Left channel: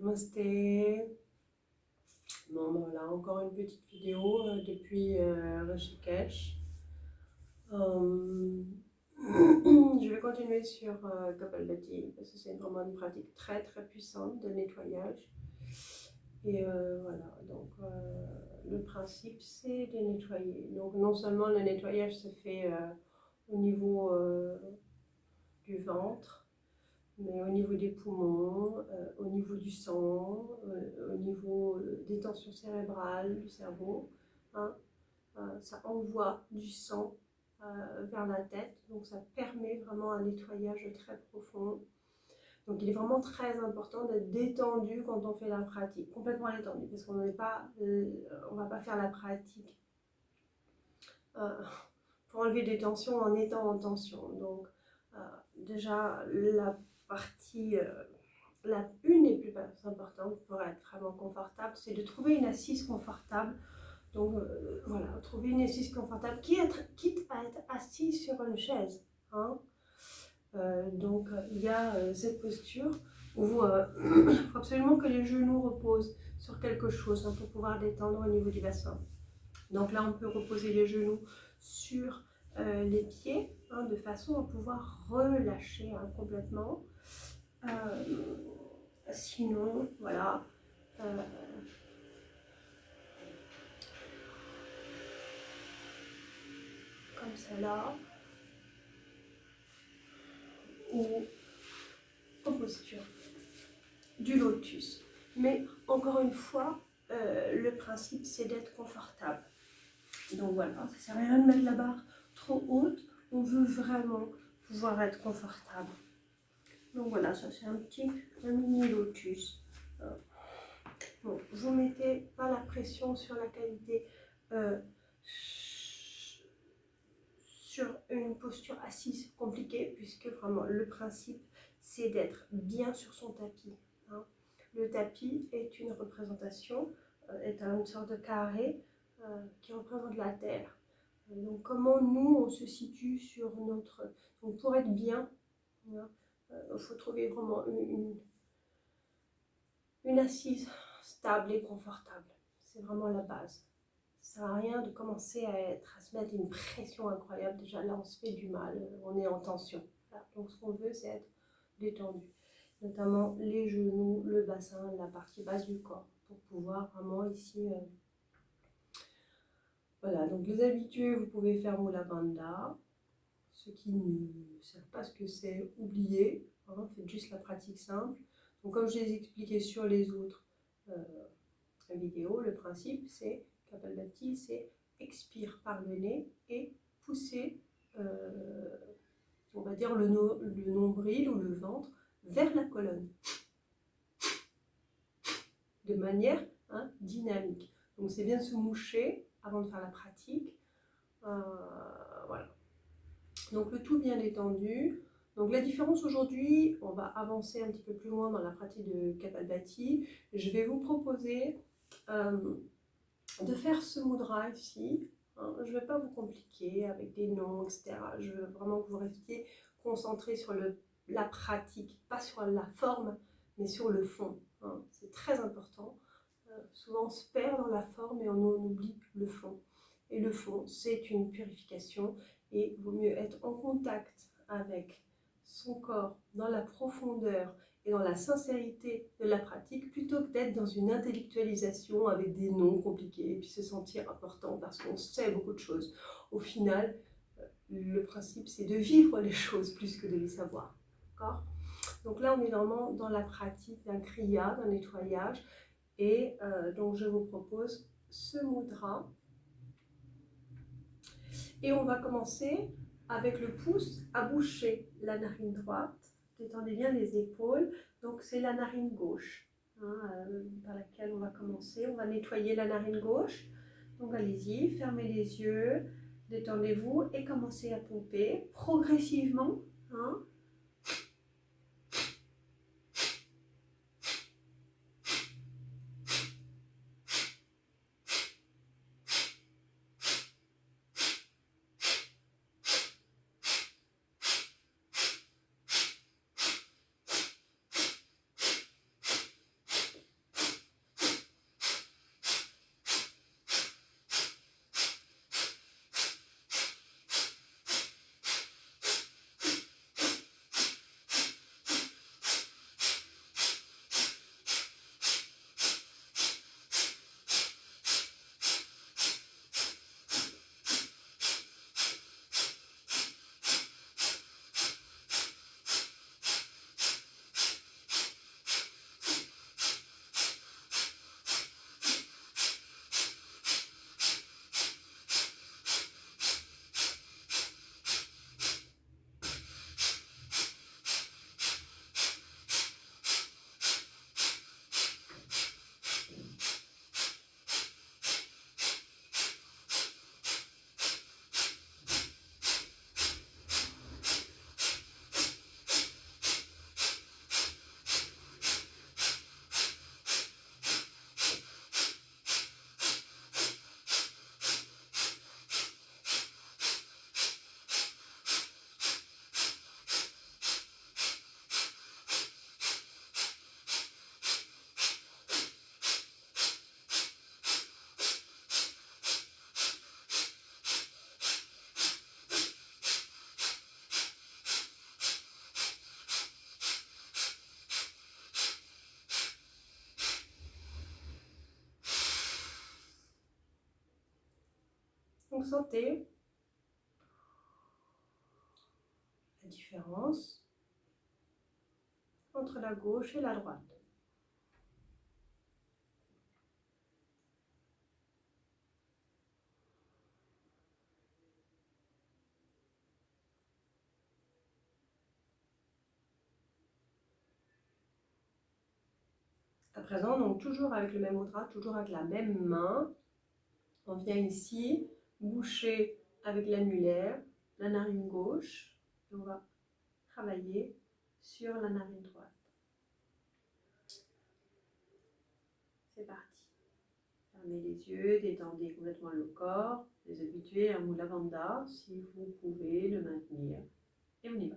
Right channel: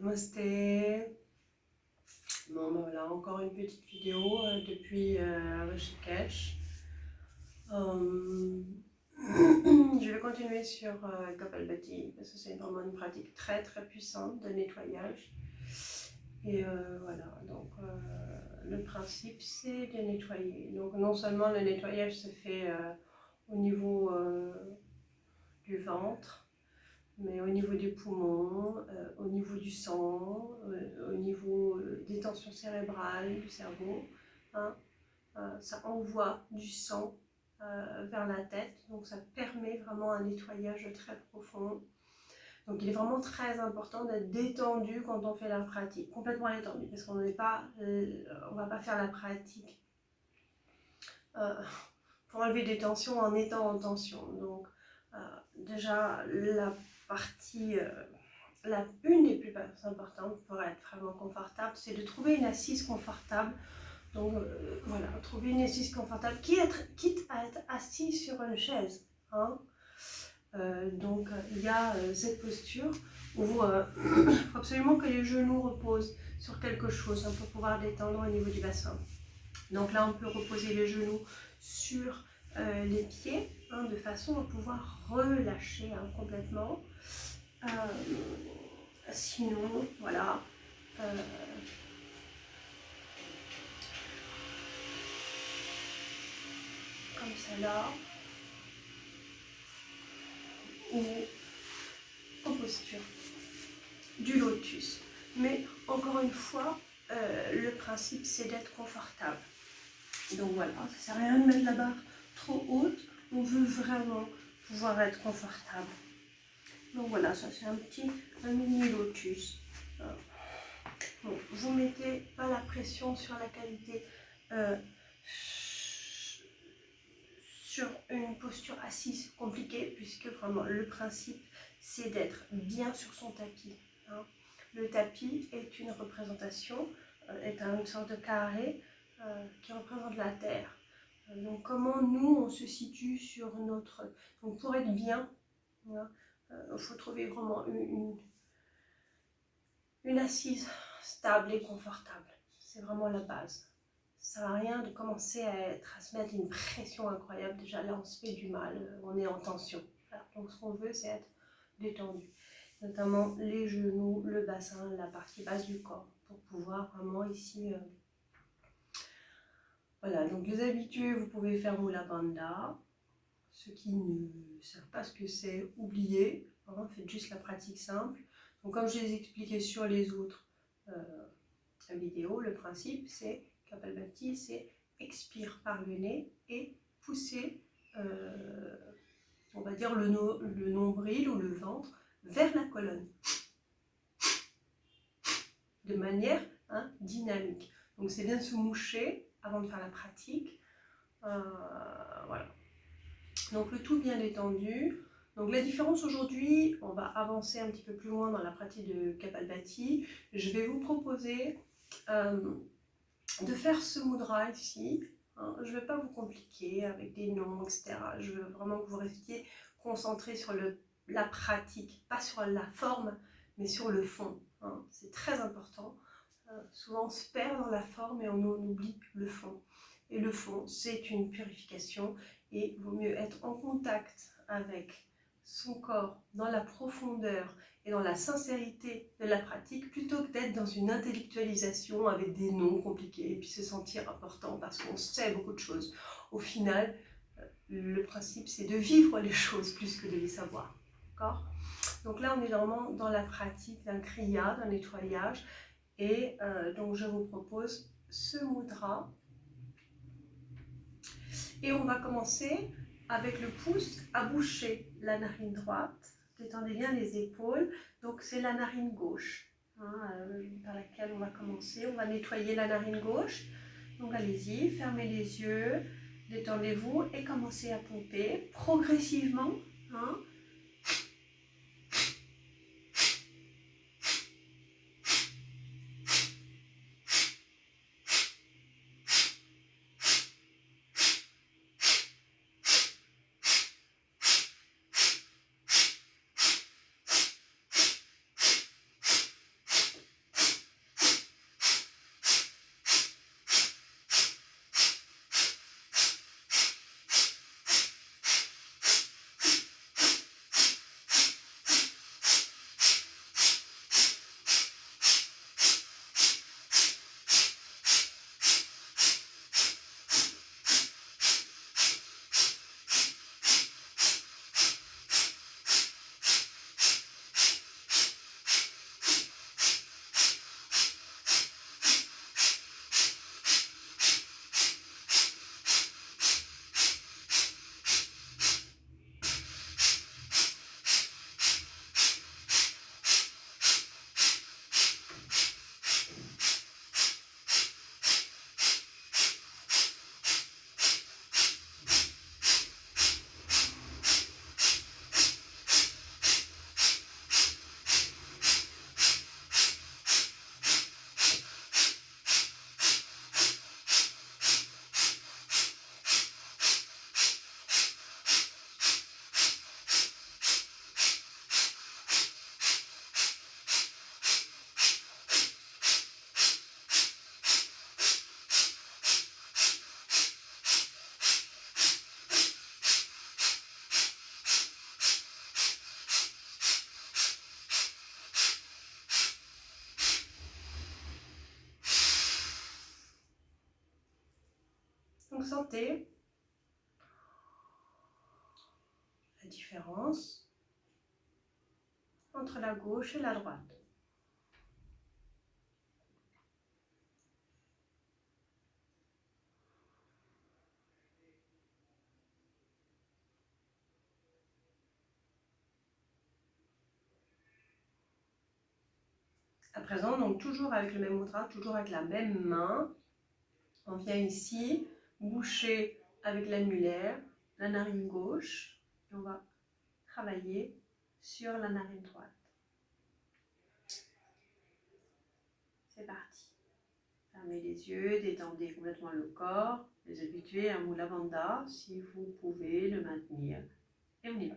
Namasté. Bon, ben voilà, encore une petite vidéo depuis Rishikesh. Je vais continuer sur Kapalbhati parce que c'est vraiment une pratique très très puissante de nettoyage. Et voilà, donc le principe c'est de nettoyer. Donc non seulement le nettoyage se fait au niveau du ventre, mais au niveau des poumons, au niveau du sang, au niveau des tensions cérébrales, du cerveau. Hein, ça envoie du sang vers la tête, donc ça permet vraiment un nettoyage très profond. Donc il est vraiment très important d'être détendu quand on fait la pratique, complètement détendu, parce qu'on n'est pas, on va pas faire la pratique pour enlever des tensions en étant en tension. Donc déjà la partie, une des plus importantes pour être vraiment confortable, c'est de trouver une assise confortable. Donc voilà, trouver une assise confortable, quitte à être assis sur une chaise. Hein. Donc il y a cette posture où il faut absolument que les genoux reposent sur quelque chose pour pouvoir détendre au niveau du bassin. Donc là on peut reposer les genoux sur les pieds, de façon à pouvoir relâcher complètement. Sinon, voilà, comme celle-là, ou en posture du lotus. Mais encore une fois, le principe c'est d'être confortable. Donc voilà, ça ne sert à rien de mettre la barre trop haute, on veut vraiment pouvoir être confortable. Donc voilà, ça c'est un mini lotus. Bon, vous mettez pas la pression sur la qualité, sur une posture assise compliquée, puisque vraiment le principe c'est d'être bien sur son tapis. Hein. Le tapis est une représentation, est une sorte de carré qui représente la terre. Donc comment nous on se situe sur notre... Donc pour être bien, il faut trouver vraiment une assise stable et confortable. C'est vraiment la base. Ça ne sert à rien de commencer à se mettre une pression incroyable. Déjà là on se fait du mal, on est en tension. Voilà. Donc ce qu'on veut c'est être détendu. Notamment les genoux, le bassin, la partie basse du corps. Pour pouvoir vraiment ici... Voilà, donc les habitués, vous pouvez faire Mula Bandha. Ceux qui ne savent pas ce que c'est, oubliez. Hein, faites juste la pratique simple. Donc comme je les ai expliqué sur les autres vidéos, le principe c'est Kapalbhati, c'est expire par le nez et pousser, on va dire le nombril ou le ventre vers la colonne. De manière dynamique. Donc c'est bien de se moucher avant de faire la pratique. Voilà. Donc le tout bien détendu. Donc la différence aujourd'hui, on va avancer un petit peu plus loin dans la pratique de Kapalbhati. Je vais vous proposer de faire ce mudra ici. Hein. Je ne vais pas vous compliquer avec des noms, etc. Je veux vraiment que vous restiez concentrés sur la pratique, pas sur la forme, mais sur le fond. Hein. C'est très important. Souvent on se perd dans la forme et on oublie le fond. Et le fond, c'est une purification. Et il vaut mieux être en contact avec son corps dans la profondeur et dans la sincérité de la pratique plutôt que d'être dans une intellectualisation avec des noms compliqués et puis se sentir important parce qu'on sait beaucoup de choses. Au final, le principe c'est de vivre les choses plus que de les savoir. D'accord ? Donc là on est vraiment dans la pratique d'un kriya, d'un nettoyage et donc je vous propose ce mudra. Et on va commencer avec le pouce à boucher la narine droite. Détendez bien les épaules. Donc c'est la narine gauche par laquelle on va commencer. On va nettoyer la narine gauche. Donc allez-y, fermez les yeux, détendez-vous et commencez à pomper progressivement. Hein. Donc sentez la différence entre la gauche et la droite. À présent, donc toujours avec le même mudra, toujours avec la même main, on vient ici boucher avec l'annulaire la narine gauche et on va travailler sur la narine droite. C'est parti. Fermez les yeux, détendez complètement le corps, les habituez à Mula Bandha si vous pouvez le maintenir. Et on y va.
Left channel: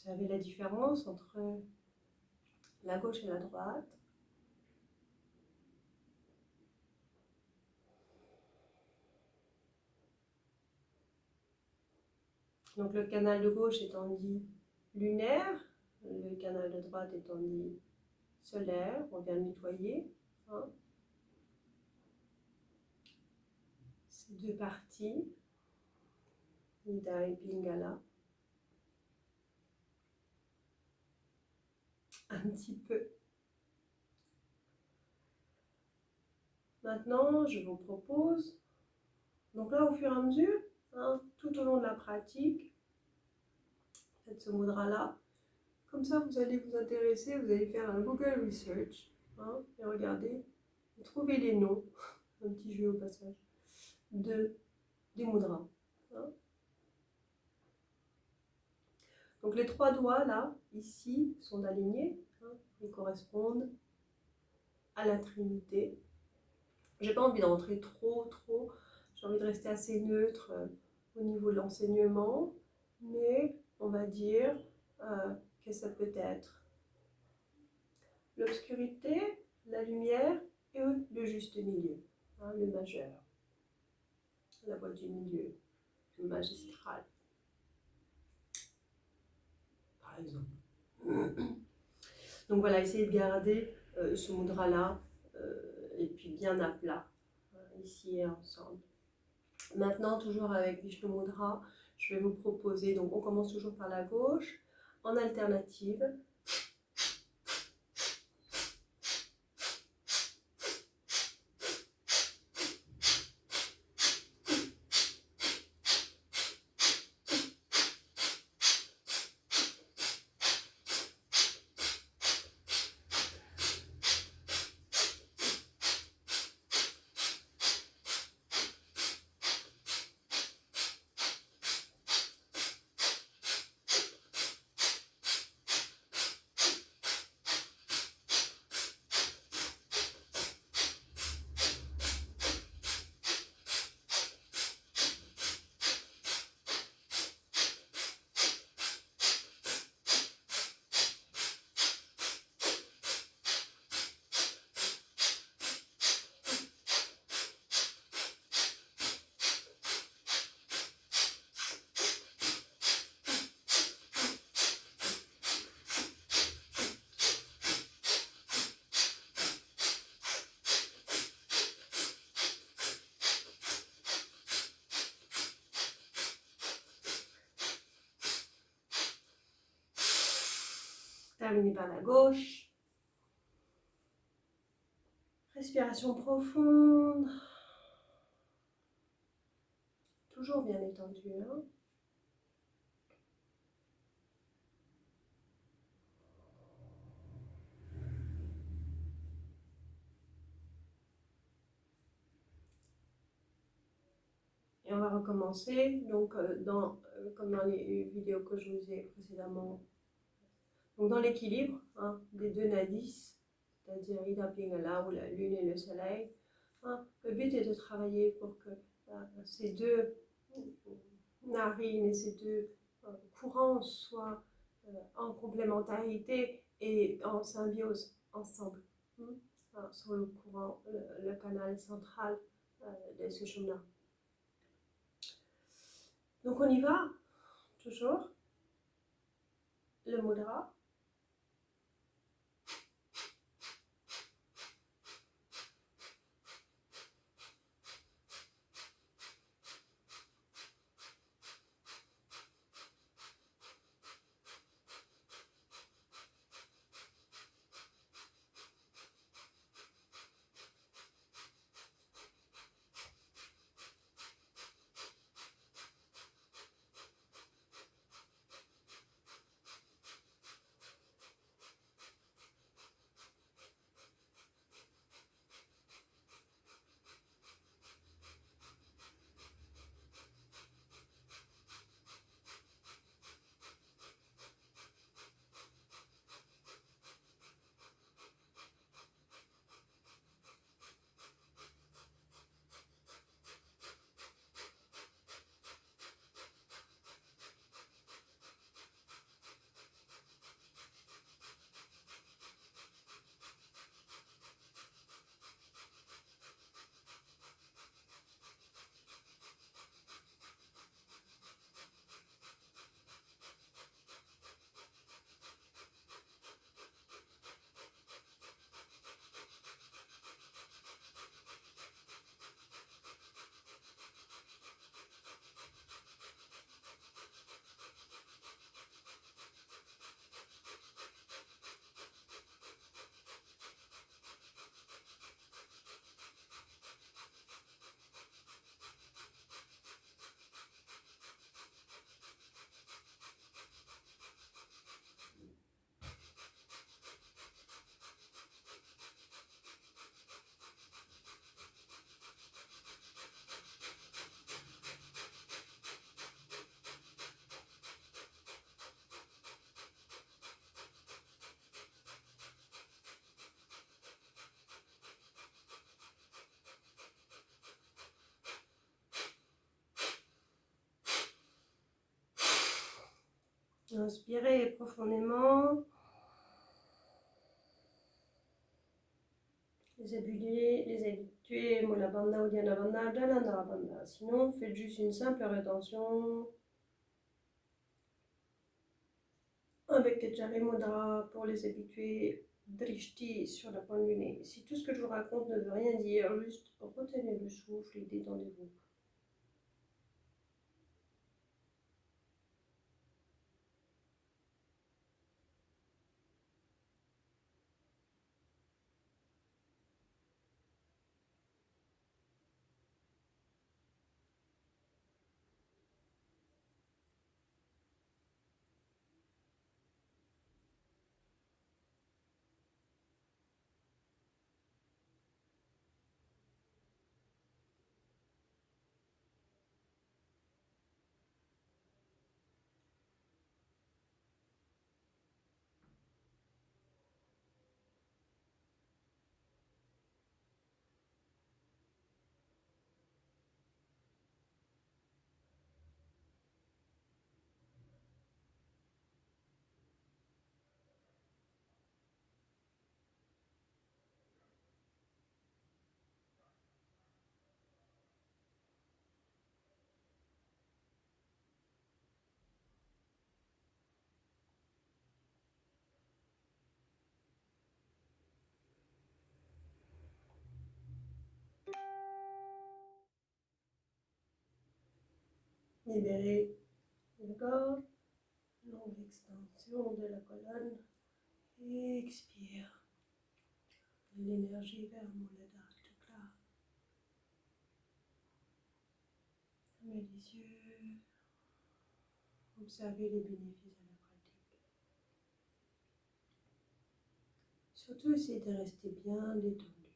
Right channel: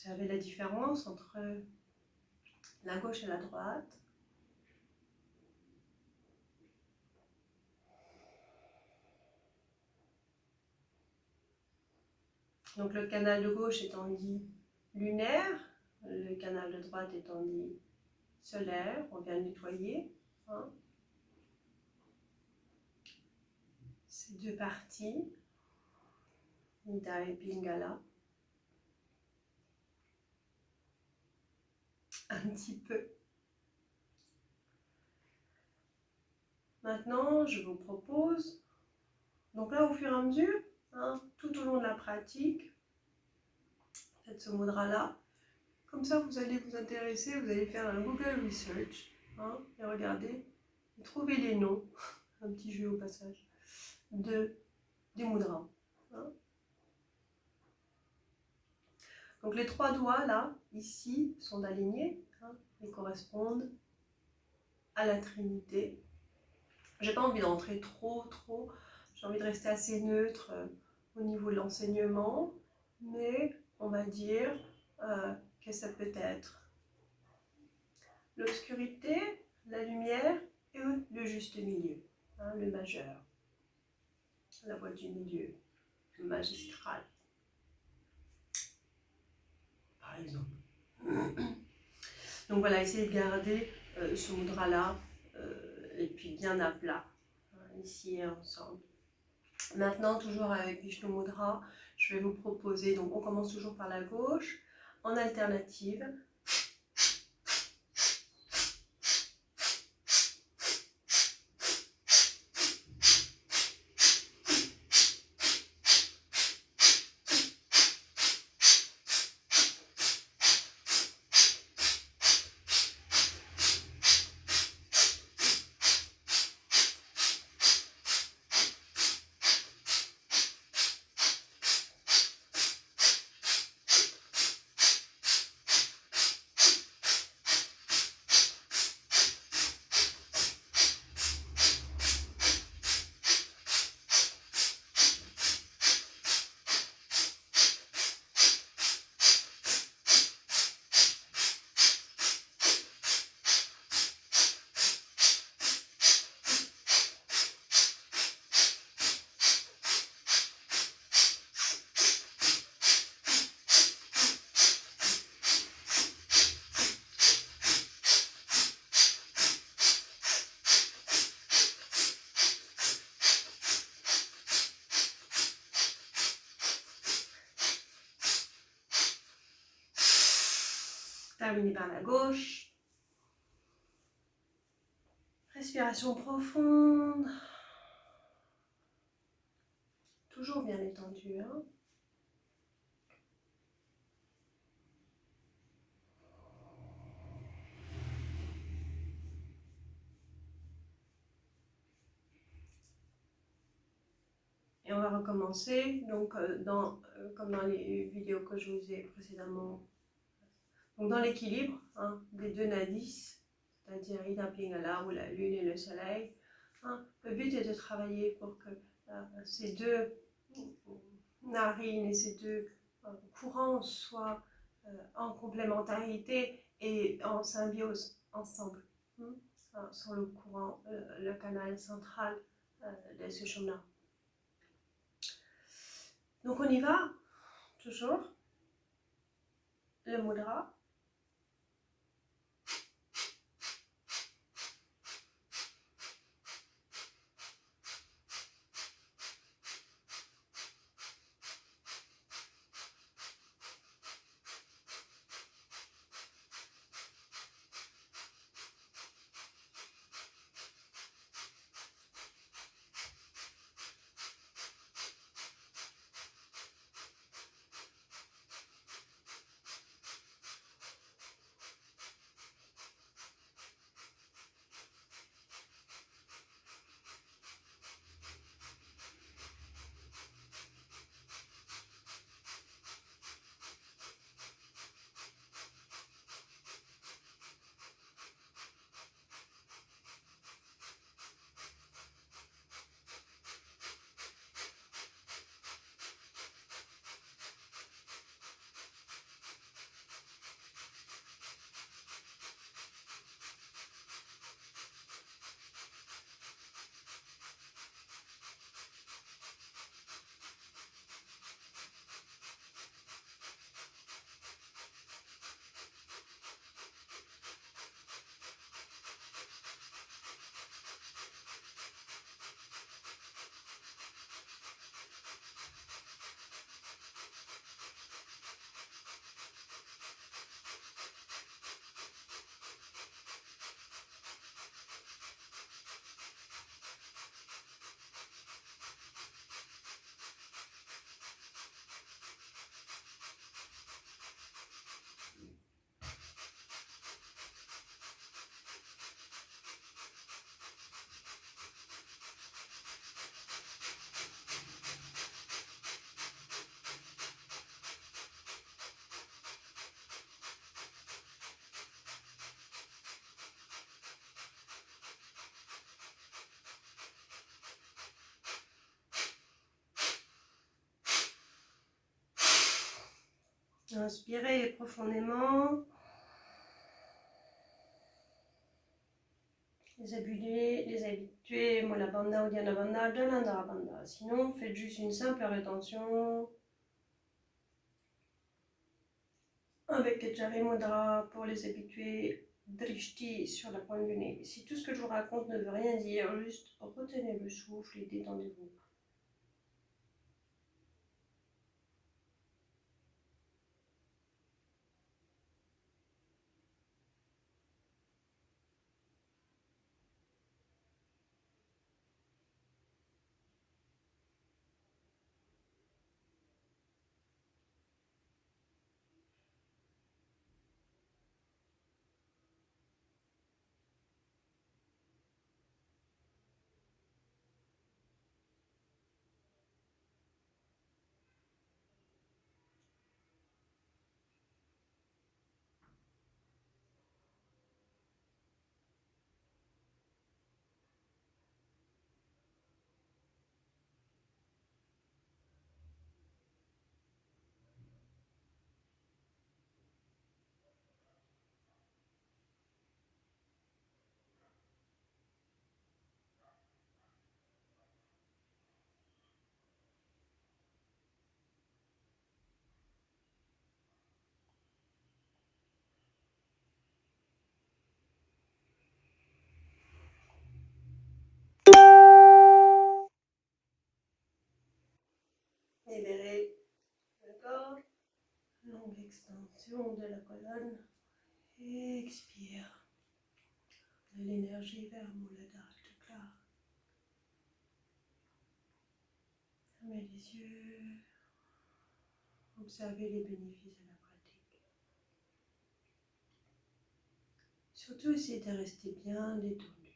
Observez la différence entre la gauche et la droite. Donc le canal de gauche étant dit lunaire, le canal de droite étant dit solaire, on vient nettoyer ces deux parties, Ida et Pingala, un petit peu. Maintenant, je vous propose, donc là au fur et à mesure, tout au long de la pratique, faites ce mudra-là. Comme ça, vous allez vous intéresser, vous allez faire un Google Research et regarder, et trouver les noms, un petit jeu au passage, des mudras. Donc les trois doigts là, ici, sont alignés et correspondent à la Trinité. J'ai pas envie d'entrer trop, j'ai envie de rester assez neutre au niveau de l'enseignement, mais on va dire que ça peut être l'obscurité, la lumière et le juste milieu, le majeur, la voie du milieu, le magistral, par exemple. Donc voilà, essayez de garder ce mudra-là et puis bien à plat, ici et ensemble. Maintenant, toujours avec Vishnu Mudra, je vais vous proposer, donc on commence toujours par la gauche, en alternative. Terminez par la gauche. Respiration profonde. Toujours bien détendu, hein. Et on va recommencer, donc comme dans les vidéos que je vous ai précédemment. Donc dans l'équilibre hein, des deux nadis, c'est-à-dire Ida Pingala ou la lune et le soleil, hein, le but est de travailler pour que ces deux narines et ces deux courants soient en complémentarité et en symbiose ensemble, sur le courant, le canal central de Sushumna. Donc on y va, toujours, le mudra. Inspirez profondément. Les habitués, Mula Bandha, Uddiyana Bandha, Jalandhara Bandha. Sinon, faites juste une simple rétention avec Jari Mudra pour les habitués, Drishti sur la pointe du nez. Si tout ce que je vous raconte ne veut rien dire, juste retenez le souffle et détendez-vous. Libérez la gorge, longue extension de la colonne Expire. De l'énergie vers Mooladhara Chakra. Fermez les yeux. Observez les bénéfices de la pratique. Surtout, essayez de rester bien détendu.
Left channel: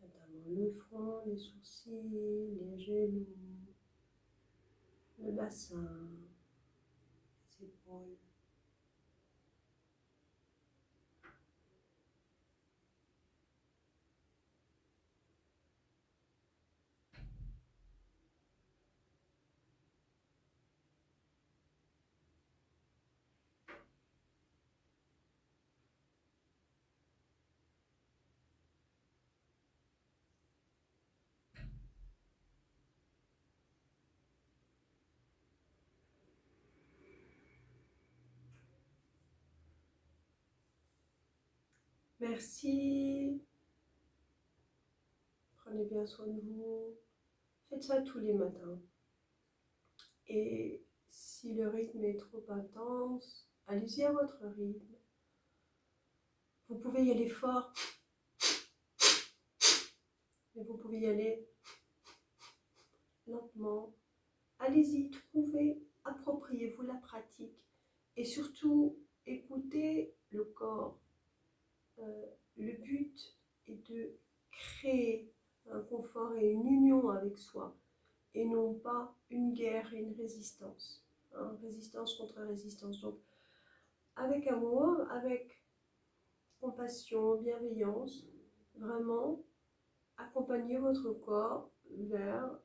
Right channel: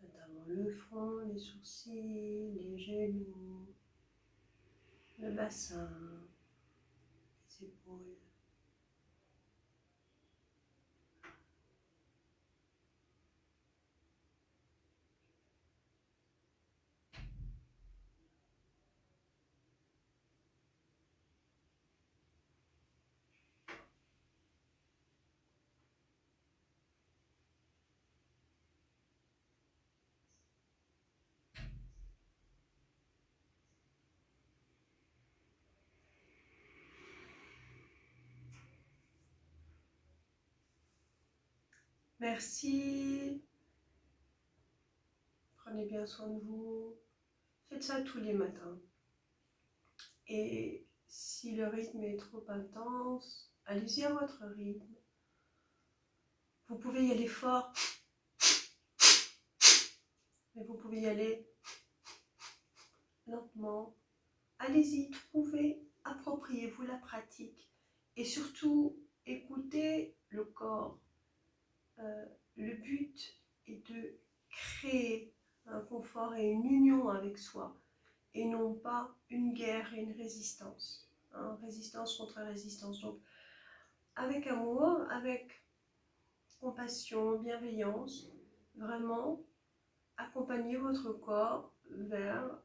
Notamment le front, les sourcils, les genoux, le bassin, les épaules. Merci. Prenez bien soin de vous. Faites ça tous les matins. Et si le rythme est trop intense, allez-y à votre rythme. Vous pouvez y aller fort, mais vous pouvez y aller lentement. Allez-y, trouvez, appropriez-vous la pratique. Et surtout, écoutez le corps. Le but est de créer un confort et une union avec soi, et non pas une guerre et une résistance. Résistance contre résistance. Donc, avec amour, avec compassion, bienveillance, vraiment accompagner votre corps vers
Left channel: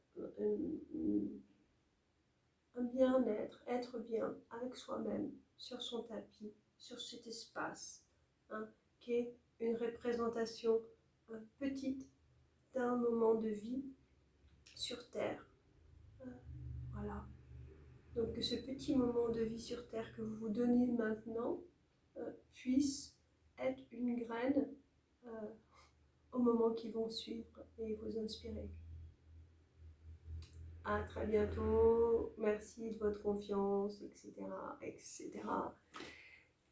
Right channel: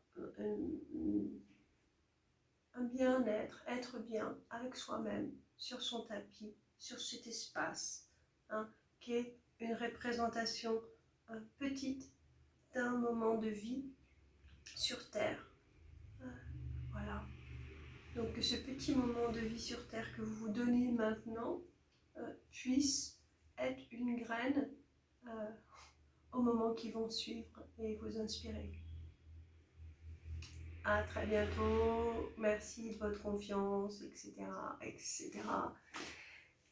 un bien-être, être bien avec soi-même, sur son tapis, sur cet espace, qui est une représentation petite d'un moment de vie sur Terre. Voilà. Donc que ce petit moment de vie sur Terre que vous vous donnez maintenant puisse être une graine aux moments qui vont suivre et vous inspirer. À très bientôt. Merci de votre confiance, etc., etc.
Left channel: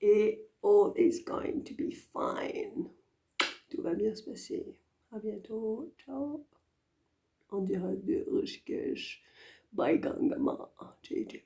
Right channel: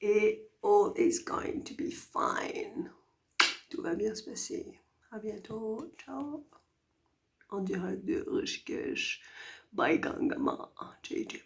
Et all is going to be fine. Tout va bien se passer. À bientôt. Ciao. En direct de Rishikesh, by Gangama, JJ.